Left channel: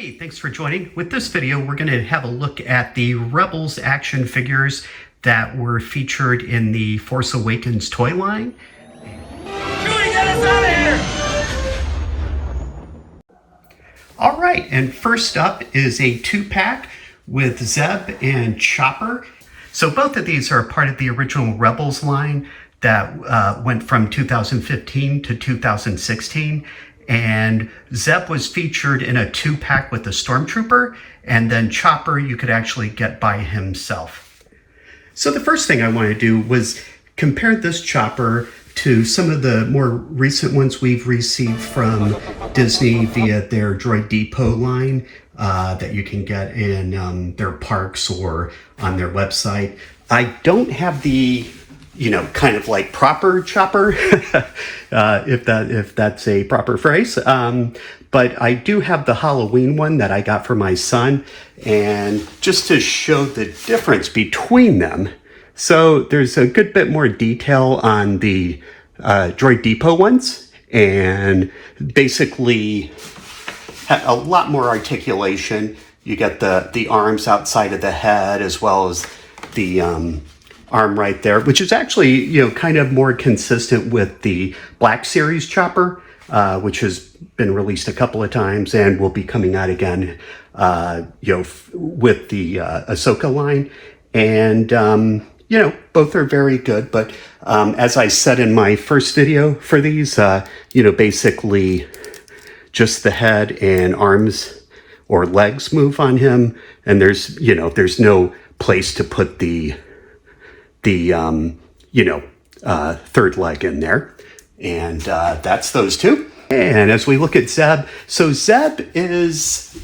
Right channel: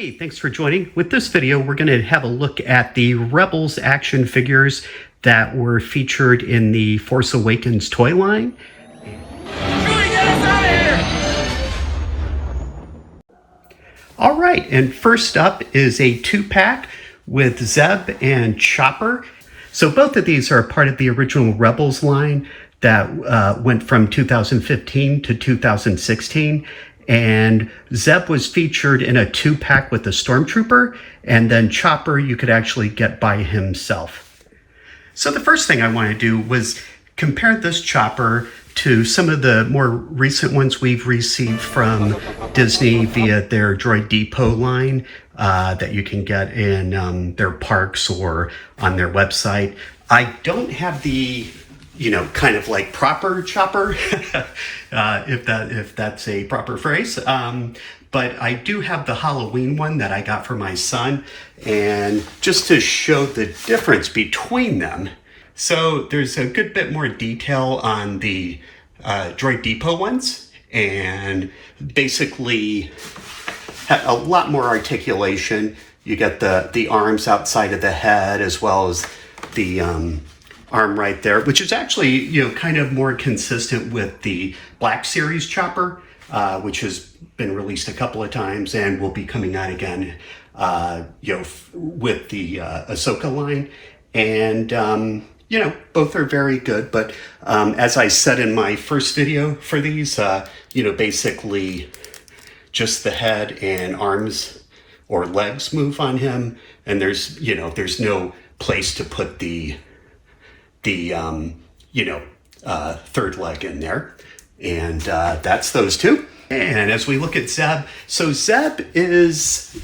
Hey, thanks for joining. With this video, we're going to have a look at the Rebels action figures that were featured in the Force Awakens toy line. Chewie, get us out of here! All right, and first up is a 2-pack with Zeb and Chopper. So both of these are part of the original Rebels line that went from 2015 to 2016. And Zeb was featured in a 2-pack with a Stormtrooper, and then Chopper you could actually get by himself. So the first thing I want to do was compare this Chopper to some of the more recent ones we've received from Disney via their Droid Depot line that you can get in their parks or on their website. I don't have the kind of like proper Chopper, if that's a proper phrase. But I do have the Halloween one that I got for my son, and just to show the difference between them. So there's a good bit more detail on the Droid Depot ones, and basically a lot more articulation. You get the arms outside of the head as well as the arm right there, which is actually, kind of more consistent with the Black Series Chopper, which has been released a couple of times and will be coming out again, with the Ahsoka line. And, both are very good. But as I said in my first video for these, basically just the head and arms or legs move on him. And there's no place to put the third leg in there. And that's those two. And as we look at Zeb, so Zeb is,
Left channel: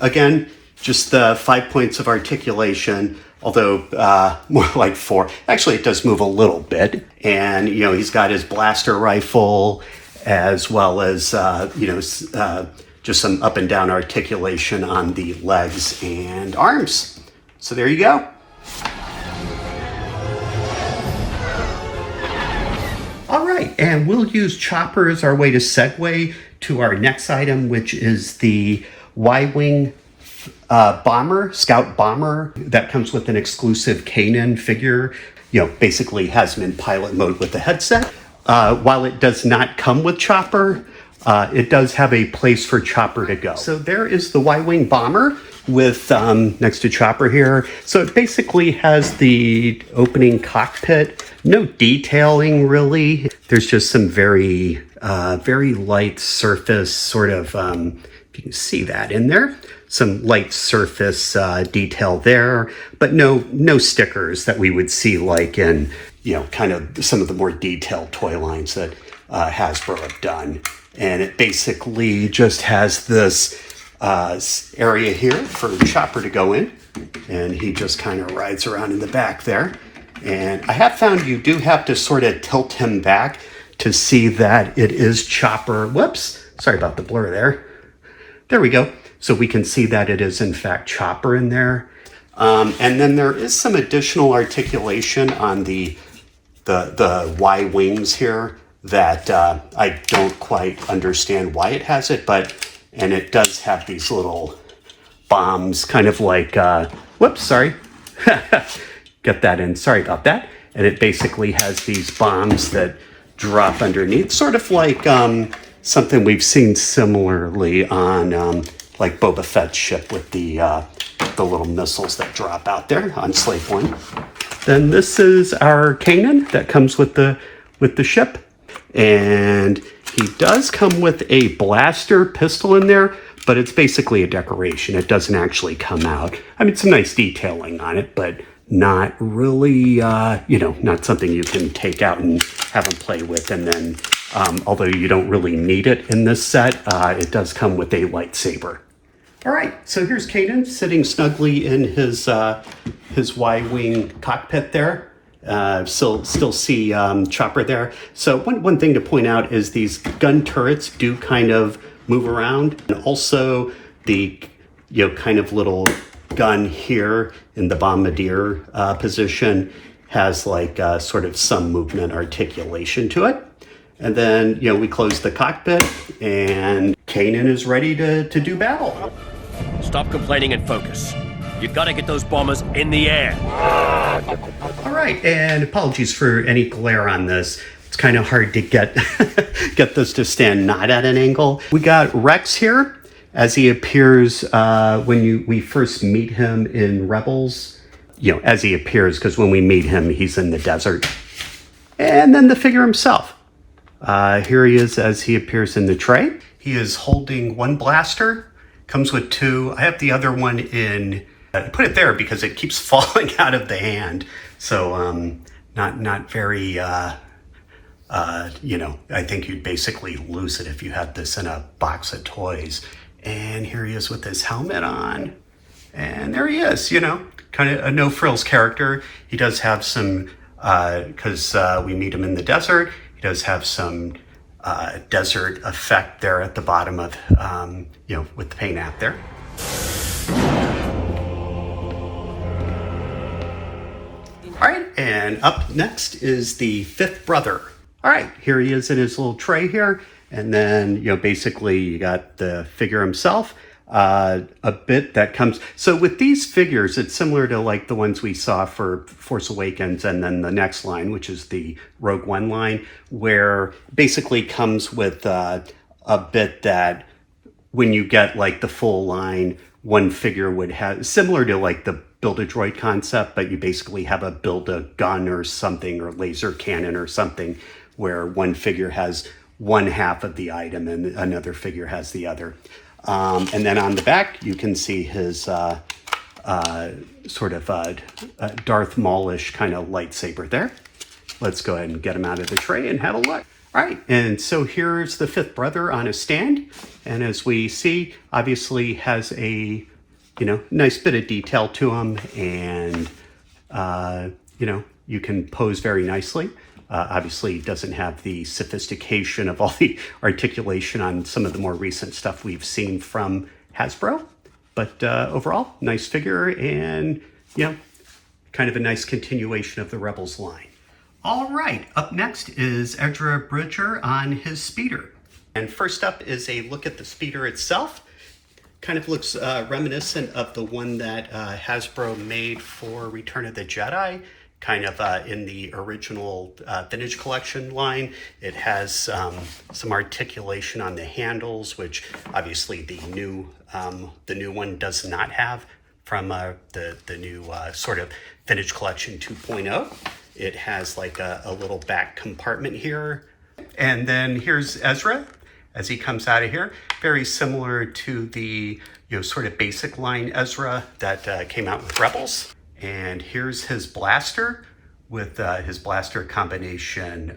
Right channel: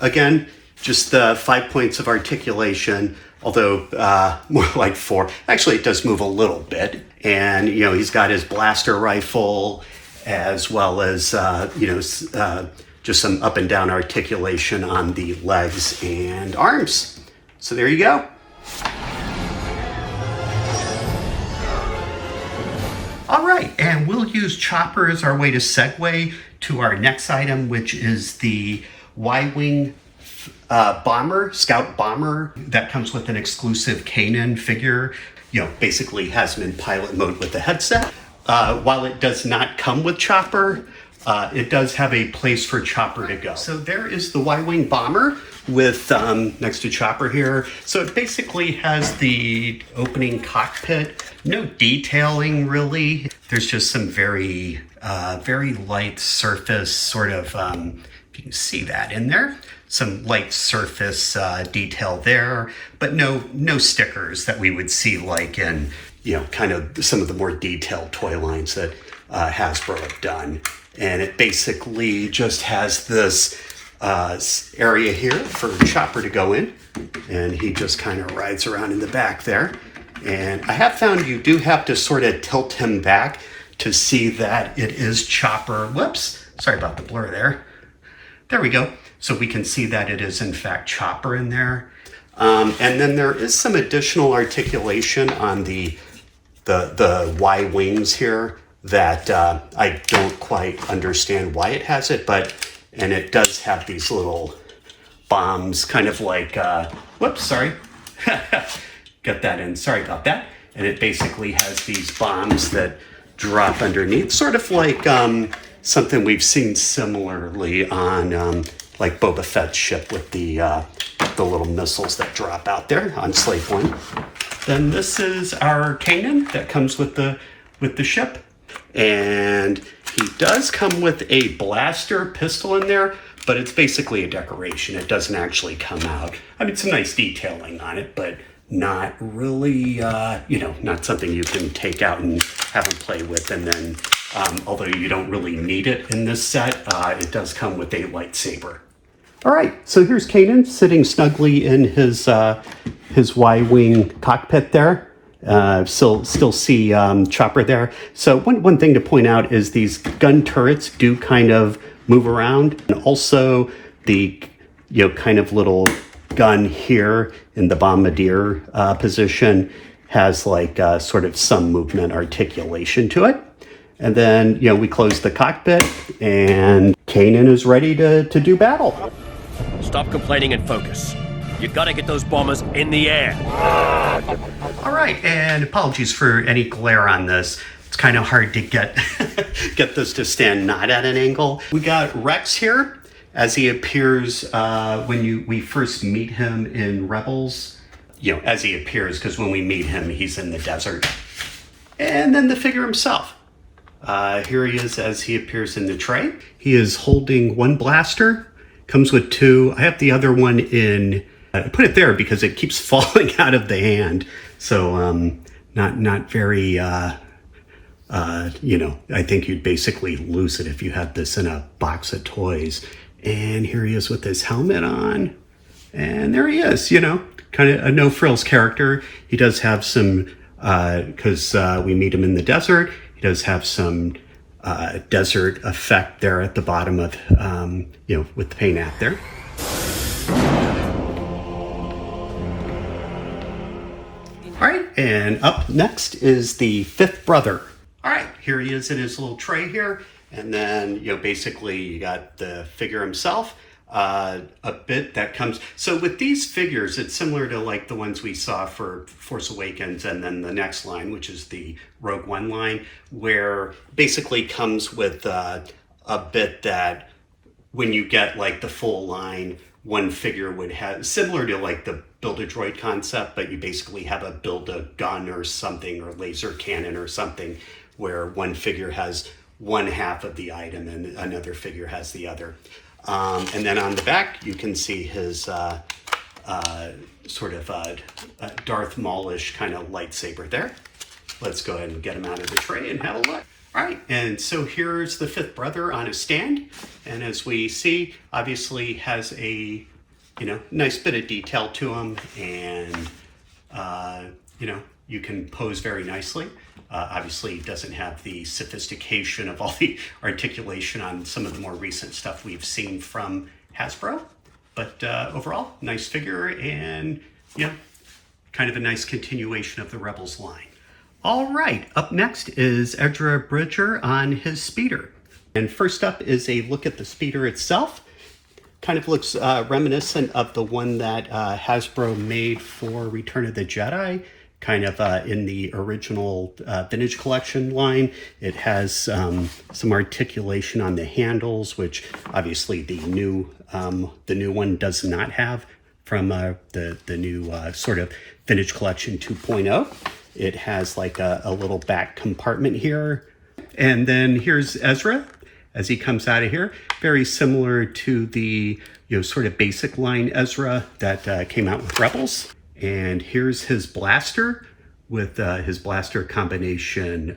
again, just 5 points of articulation, although more like 4. Actually, it does move a little bit. And, he's got his blaster rifle as well as, just some up and down articulation on the legs and arms. So there you go. All right, and we'll use Chopper as our way to segue to our next item, which is the YWing Scout Bomber that comes with an exclusive Kanan figure. Basically has him in pilot mode with the headset. While it does not come with Chopper, it does have a place for Chopper to go. So there is the YWing Bomber with next to Chopper here. So it basically has the opening cockpit. No detailing really. There's just some very light surface sort of, if you can see that in there, some light surface detail there, but no stickers that we would see like in, kind of some of the more detailed toy lines that Hasbro have done. And it basically just has this area here for Chopper to go in, and he just kind of rides around in the back there. And I have found you do have to sort of tilt him back to see that it is Chopper. Whoops, sorry about the blur there. There we go. So we can see that it is in fact Chopper in there. And then there is some additional articulation on the Y wings here that I don't quite understand why it has it, and it does have these little bombs, kind of like, whoops, sorry. Got that in, sorry about that. And it basically has these bombs that drop underneath, sort of like something we've seen similarly on like Boba Fett's ship with the little missiles that drop out there on Slave One. Then this is our Kanan that comes with the ship. And he does come with a blaster pistol in there, but it's basically a decoration. It doesn't actually come out. I mean, some nice detailing on it, but not really, not something you can take out and have him play with. And then, although you don't really need it in this set, it does come with a lightsaber. All right, so here's Kanan sitting snugly in his Y-wing cockpit there. Still see Chopper there. So one thing to point out is these gun turrets do kind of move around, and also the kind of little gun here in the bombardier position has like sort of some movement articulation to it. And then we close the cockpit, and Kanan is ready to do battle. Stop complaining and focus. You gotta get those bombers in the air. All right, and apologies for any glare on this. It's kind of hard to get get this to stand not at an angle. We got Rex here as he appears when we first meet him in Rebels. You know, as he appears, because when we meet him, he's in the desert. And then the figure himself. Here he is as he appears in the tray. He is holding one blaster, comes with two. I have the other one in, I put it there because it keeps falling out of the hand. So not very, you know, I think you'd basically lose it if you had this in a box of toys. And here he is with his helmet on. And there he is, you know, kind of a no-frills character. He does have some, because we meet him in the desert, he does have some desert effect there at the bottom of, you know, with the paint app there. All right, and up next is the fifth brother. All right, here he is in his little tray here. And then, you know, basically you got the figure himself. A bit that comes, so with these figures, it's similar to like the ones we saw for Force Awakens and then the next line, which is the Rogue One line, where basically comes with a bit that when you get like the full line, one figure would have, similar to like the Build-A-Droid concept, but you basically have a build-a-gun or something, or laser cannon or something, where one figure has one half of the item and another figure has the other. And then on the back, you can see his sort of Darth Maul-ish kind of lightsaber there. Let's go ahead and get him out of the tray and have a look. All right, and so here's the fifth brother on a stand. And as we see, obviously has a, you know, nice bit of detail to him. And, you know, you can pose very nicely. Obviously doesn't have the sophistication of all the articulation on some of the more recent stuff we've seen from Hasbro. But overall, nice figure and, you know, kind of a nice continuation of the Rebels line. All right, up next is Ezra Bridger on his speeder. And first up is a look at the speeder itself. Kind of looks reminiscent of the one that Hasbro made for Return of the Jedi. Kind of in the original vintage collection line. It has some articulation on the handles, which obviously the new one does not have from the new sort of vintage collection 2.0. It has like a little back compartment here. And then here's Ezra as he comes out of here. Very similar to the, you know, sort of basic line Ezra that came out with Rebels. And here's his blaster with his blaster combination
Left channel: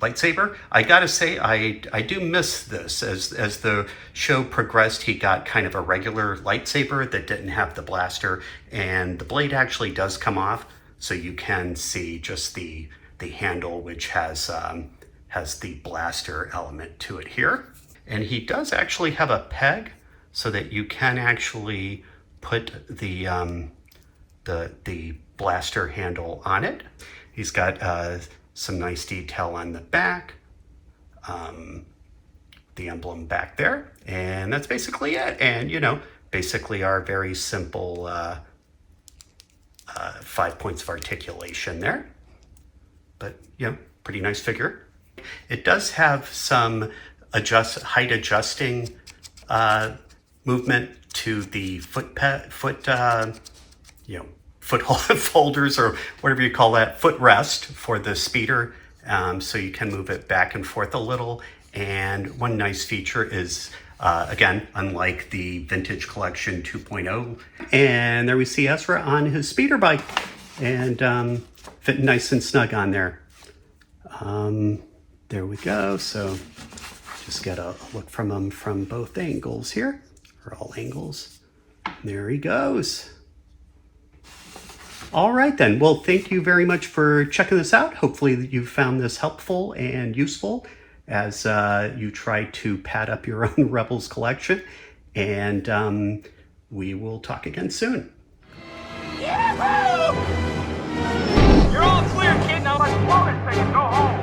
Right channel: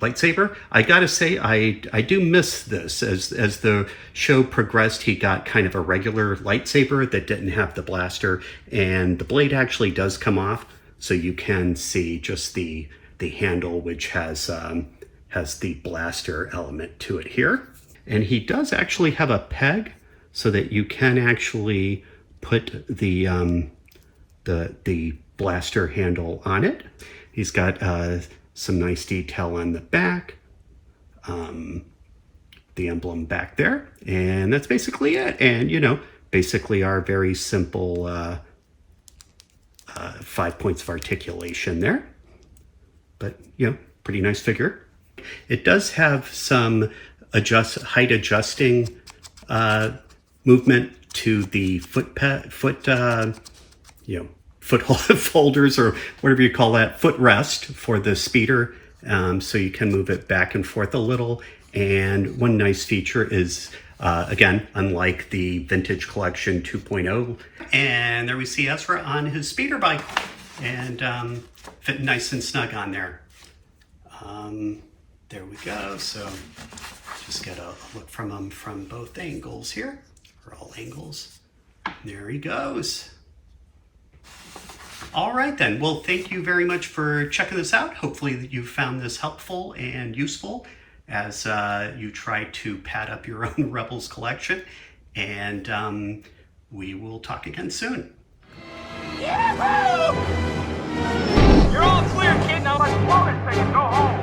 lightsaber. I gotta say, I do miss this. As the show progressed, he got kind of a regular lightsaber that didn't have the blaster, and the blade actually does come off, so you can see just the handle, which has the blaster element to it here. And he does actually have a peg, so that you can actually put the blaster handle on it. He's got some nice detail on the back, the emblem back there, and that's basically it. And, you know, basically our very simple 5 points of articulation there. But, you know, pretty nice figure. It does have some height adjusting movement to the foot holders, or whatever you call that, footrest for the speeder. So you can move it back and forth a little. And one nice feature is, again, unlike the vintage collection 2.0. And there we see Ezra on his speeder bike, and fitting nice and snug on there. There we go. So just get a look from him from both angles here, or all angles. There he goes. All right then, well, thank you very much for checking this out. Hopefully you found this helpful and useful as you try to pad up your own Rebels collection. And we will talk again soon. Yahoo! You're all clear, kid. Now let's blow this thing and go home.